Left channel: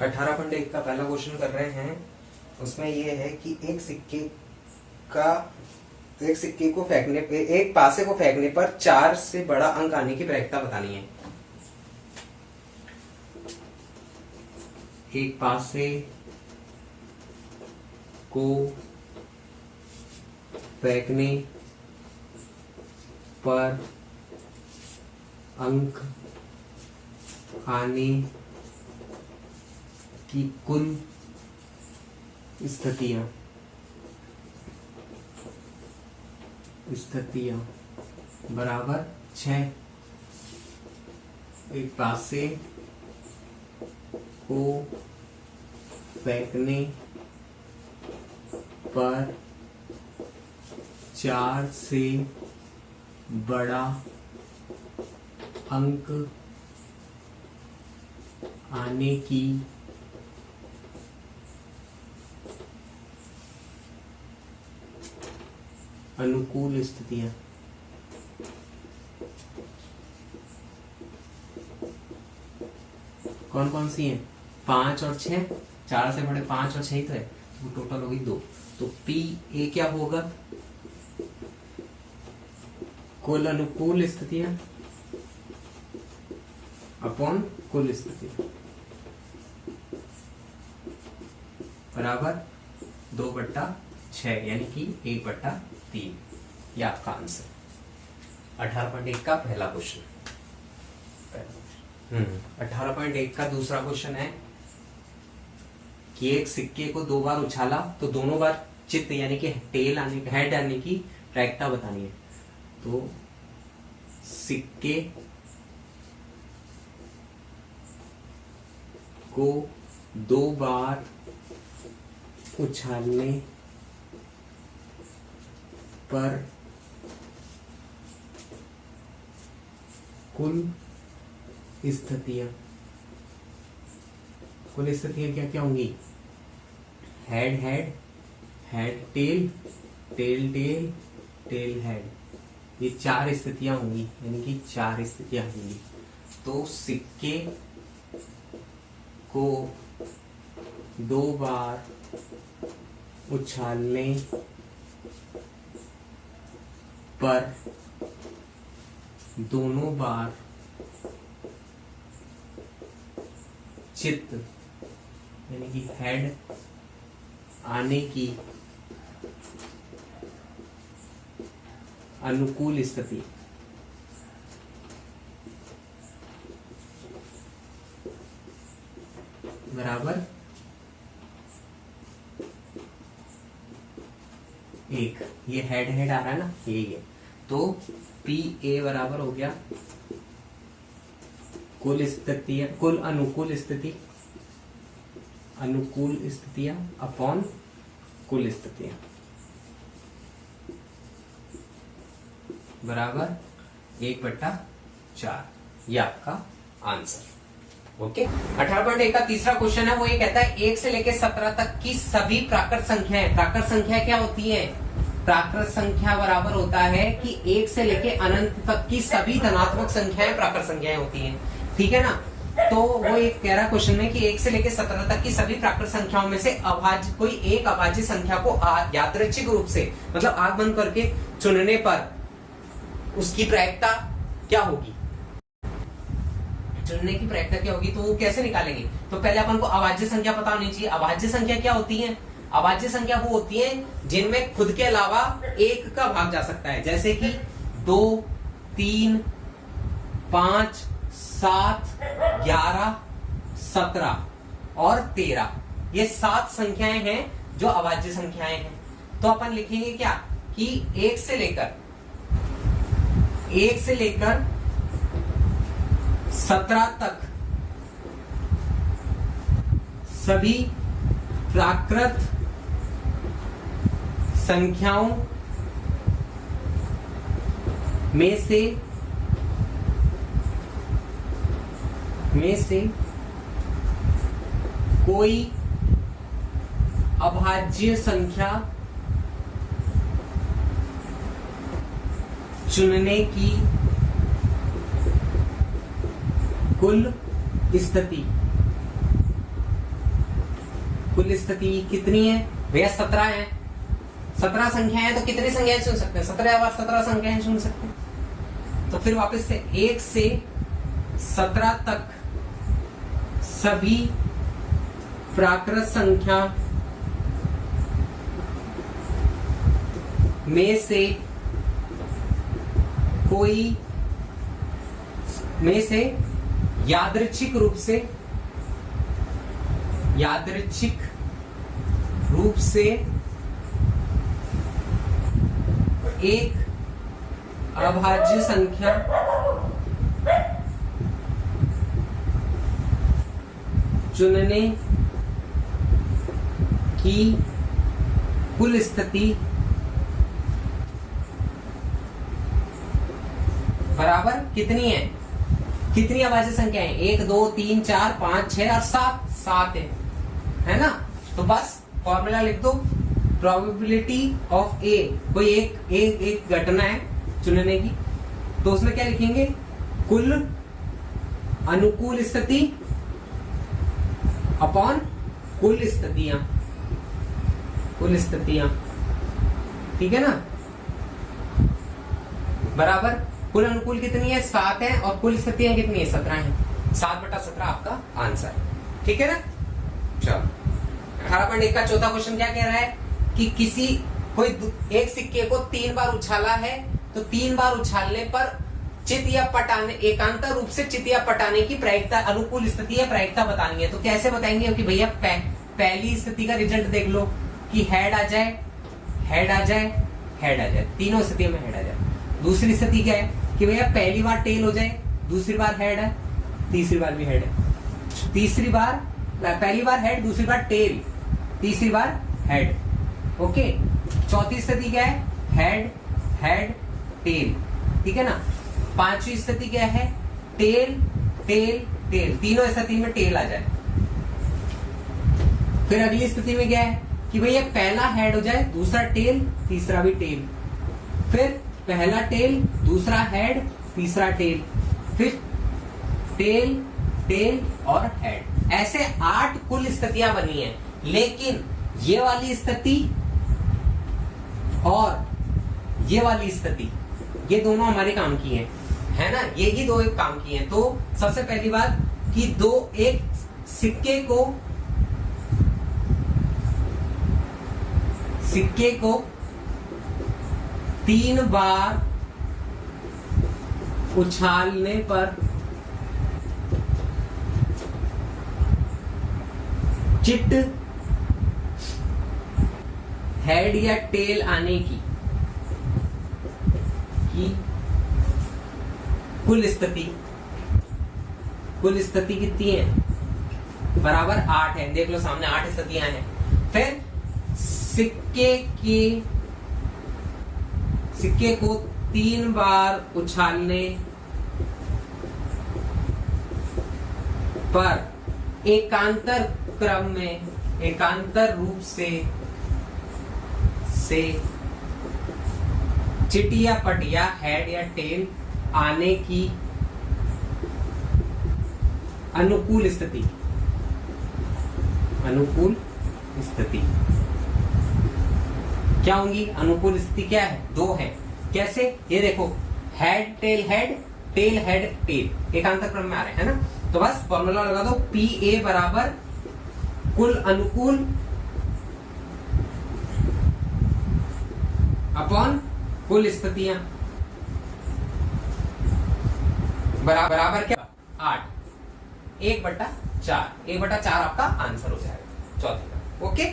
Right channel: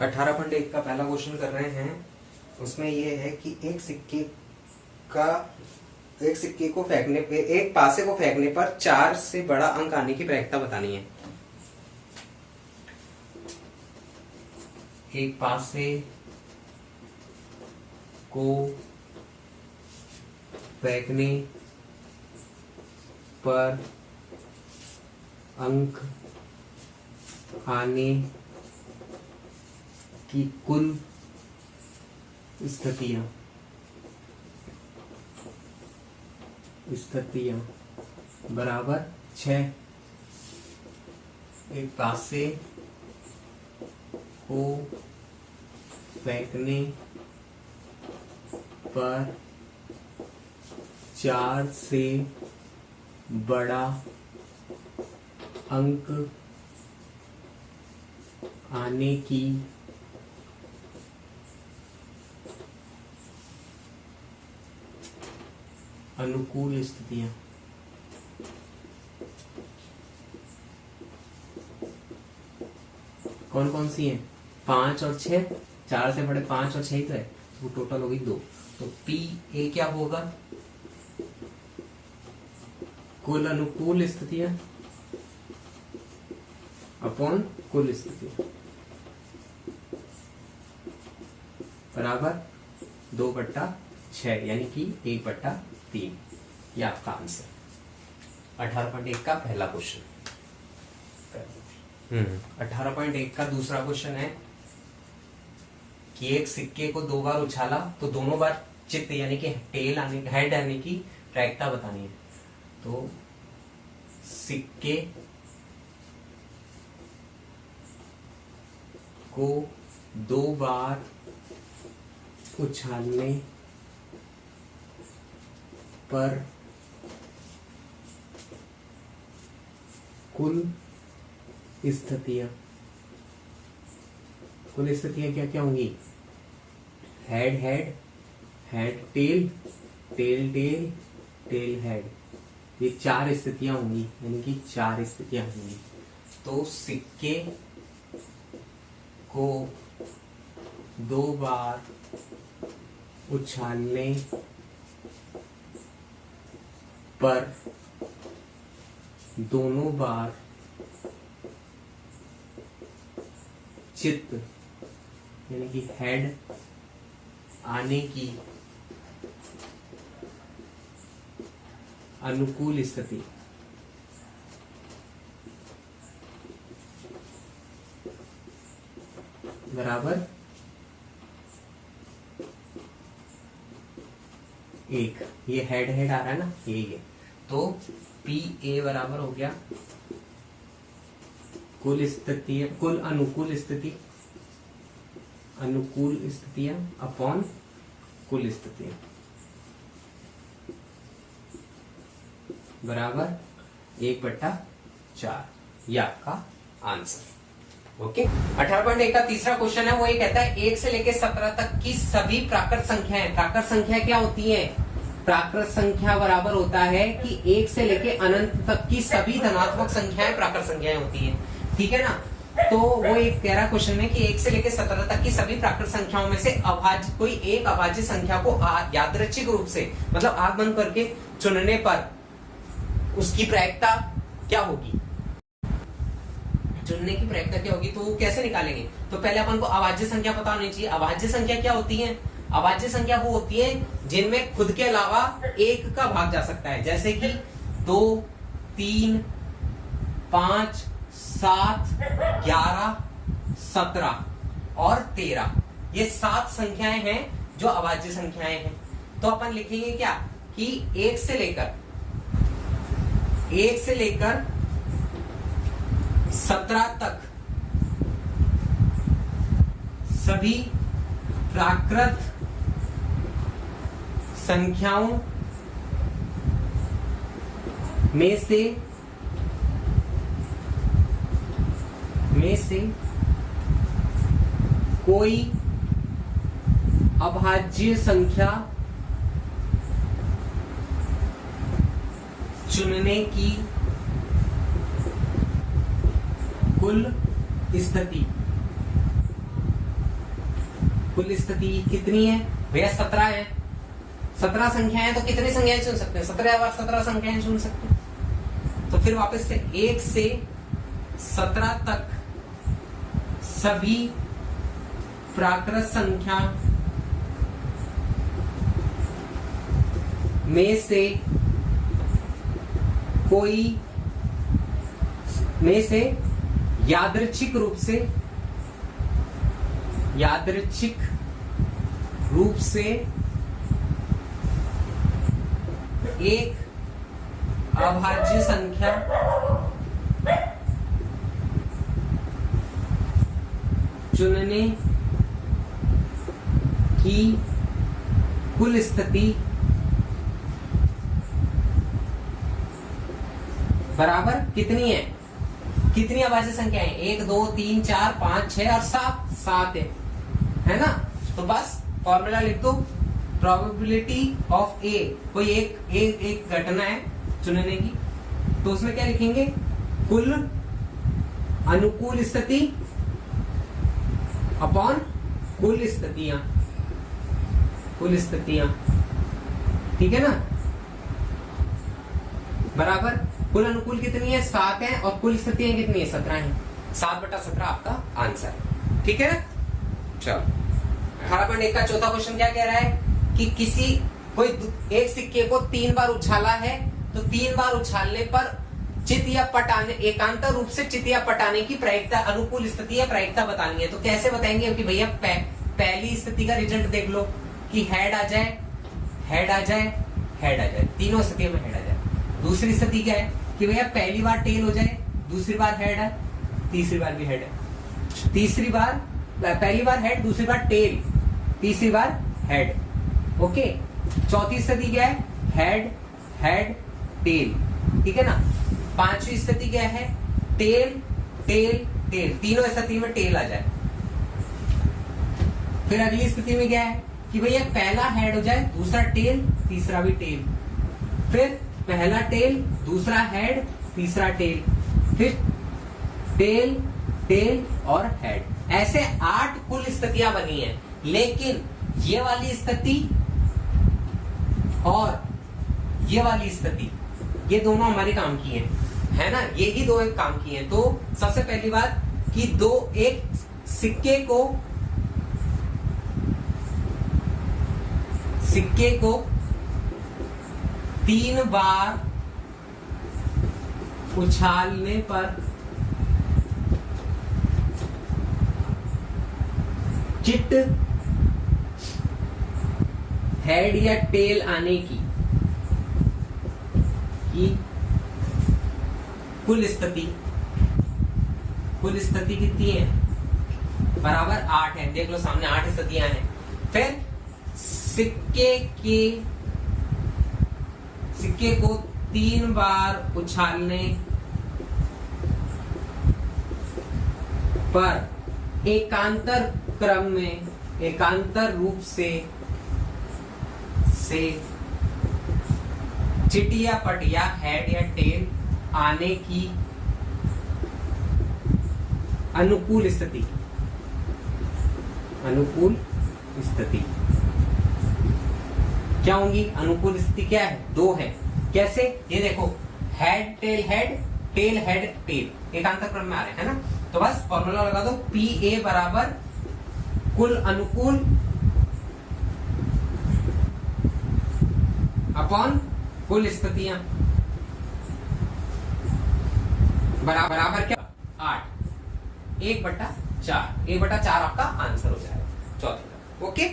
18.1 का पहला क्वेश्चन कर रहे हैं। उसमें ये है कि एक सिक्के को फेंकने पे, एक पासे को फेंकने पर 4 से बड़ा अंक आने की प्रायिकता बतानी है। एक पासे को फेंकने पर अंक आने की कुल स्थितियां बराबर 6। एक पासे को फेंकने पर 4 से बड़ा अंक आने की अनुकूल स्थितियां कौन कौन सी हैं? 5 और 6, 4 से बड़े 5 और 6 ही तो है, वो टोटल होगी 2। तो पी ए क्या होगा? कुल अनुकूल स्थितियां अपॉन कुल स्थितियां बराबर 2/6 यानी कि 1/3। ये आपका आंसर 18.1 का पहला क्वेश्चन। 18.1 का दूसरा क्वेश्चन है कि एक सिक्के को 2 बार उछाला तो दोनों बार चित्त यानी कि हेड आने की प्रायिकता बतानी है। तो सिक्के को 2 बार उछालने पर कुल स्थितियां क्या क्या होंगी? Head head, head tail, tail tail, tail head. ये 4 स्थितियां होंगी, यानी कि 4 स्थितियां होंगी। तो सिक्के को 2 बार उछालने पर दोनों बार चित्त यानी कि हेड आने की अनुकूल स्थिति बराबर 1। ये हेड हेड आ रहा है ना, यही है। तो पी ए बराबर हो गया कुल स्थितियां, कुल अनुकूल स्थितियां अपॉन कुल स्थितियां बराबर 1/4। ये आपका आंसर। ओके। 18.1 का तीसरा क्वेश्चन है, वो ये कहता है 1 से लेकर 17 तक की सभी प्राकृत संख्याएं, प्राकृत संख्या क्या होती है? प्राकृत संख्या बराबर होता है कि 1 से लेकर अनंत तक की सभी धनात्मक संख्याएं प्राकृत संख्याएं होती हैं, ठीक है ना। तो वो एक कह रहा है क्वेश्चन में कि 1 से लेकर 17 तक की सभी प्राकृत संख्याओं में से अभाज्य, कोई एक अभाज्य संख्या को यादृच्छिक रूप से, मतलब आंख बंद करके चुनने पर उसकी प्रायिकता क्या होगी? चुनने की प्रायिकता क्या होगी? तो वो कैसे निकालेंगे? तो पहले अपन को अभाज्य संख्या पता होनी चाहिए। अभाज्य संख्या क्या होती है? अभाज्य संख्या वो होती है जिनमें खुद के अलावा 1 का भाग जा सकता है, जैसे कि 2, 3, 5, 7, 11, 17 और 13। ये 7 संख्याएं हैं जो अभाज्य संख्याएं हैं। तो अपन लिखेंगे क्या कि 1 से लेकर 17 तक सभी प्राकृत संख्याओं में से कोई अभाज्य संख्या चुनने की कुल स्थिति कुल स्थिति कितनी है भैया? 17 है। 17 संख्याएं हैं तो कितनी संख्याएं चुन सकते हैं? 17 बार 17 संख्याएं चुन सकते हैं। तो फिर वापस से 1 से 17 तक सभी प्राकृत संख्या में से यादृच्छिक रूप से एक अभाज्य संख्या चुनने की कुल स्थिति बराबर कितनी है? कितनी अभाज्य संख्या है? 1 2 3 4 5 6 और 7 है ना? तो बस फॉर्मूला लिख दो, प्रोबेबिलिटी ऑफ ए, कोई एक घटना है चुनने की, तो उसमें क्या लिखेंगे? कुल अनुकूल स्थिति अपॉन कुल स्थितियां, ठीक है ना? बराबर कुल अनुकूल कितनी है? 7 है, और कुल स्थितियां कितनी है? 17 है। 7/17 आपका आंसर, ठीक है ना? चलो 18.1 का चौथा क्वेश्चन क्या कह रहा है कि कोई एक सिक्के को 3 बार उछाला है, तो 3 बार उछालने पर चित या पटाने, एकांतर रूप से चित या पटाने की प्रायिकता, अनुकूल स्थिति या प्रायिकता बतानी है। तो कैसे बताएंगे कि भैया पहली स्थिति का रिजल्ट देख लो कि हेड आ जाए, तीनों स्थितियों में हेड आ जाए। दूसरी स्थिति क्या है कि भैया पहली बार टेल हो जाए, दूसरी बार हेड है, तीसरी बार भी हेड है। तीसरी बार, पहली बार हेड, दूसरी बार टेल, तीसरी बार हेड। ओके, चौथी स्थिति क्या है? हेड टेल, ठीक है ना? पांचवी स्थिति क्या है? टेल, तीनों स्थिति में टेल आ जाए। फिर अगली स्थिति में क्या है कि भैया पहला हेड हो जाए, दूसरा टेल, तीसरा भी टेल, फिर पहला टेल, दूसरा हेड, तीसरा टेल, फिर टेल और हेड। ऐसे 8 कुल स्थितियां बनी है, लेकिन ये वाली स्थिति और ये वाली स्थिति, ये दोनों हमारे काम की है ना? ये ही दो एक काम की है। तो सबसे पहली बात कि एक सिक्के को 3 बार उछालने पर चिट, हेड या टेल आने की कुल स्थिति कितनी है? बराबर 8 है। देख लो सामने 8 स्थितियां हैं। फिर सिक्के को 3 बार उछालने पर एकांतर क्रम में, एकांतर रूप से चिट या पट या हेड या टेल आने की अनुकूल स्थिति क्या होंगी? अनुकूल स्थिति क्या है? 2 है। कैसे? ये देखो, head tail head, tail head tail, एकांतर क्रम में आ रहे हैं ना? तो बस फॉर्मूला लगा दो, PA बराबर कुल अनुकूल अपॉन कुल स्थितियां, बराबर क्या? 8, 1/4 आपका आंसर हो जाएगा चौथे का। ओके।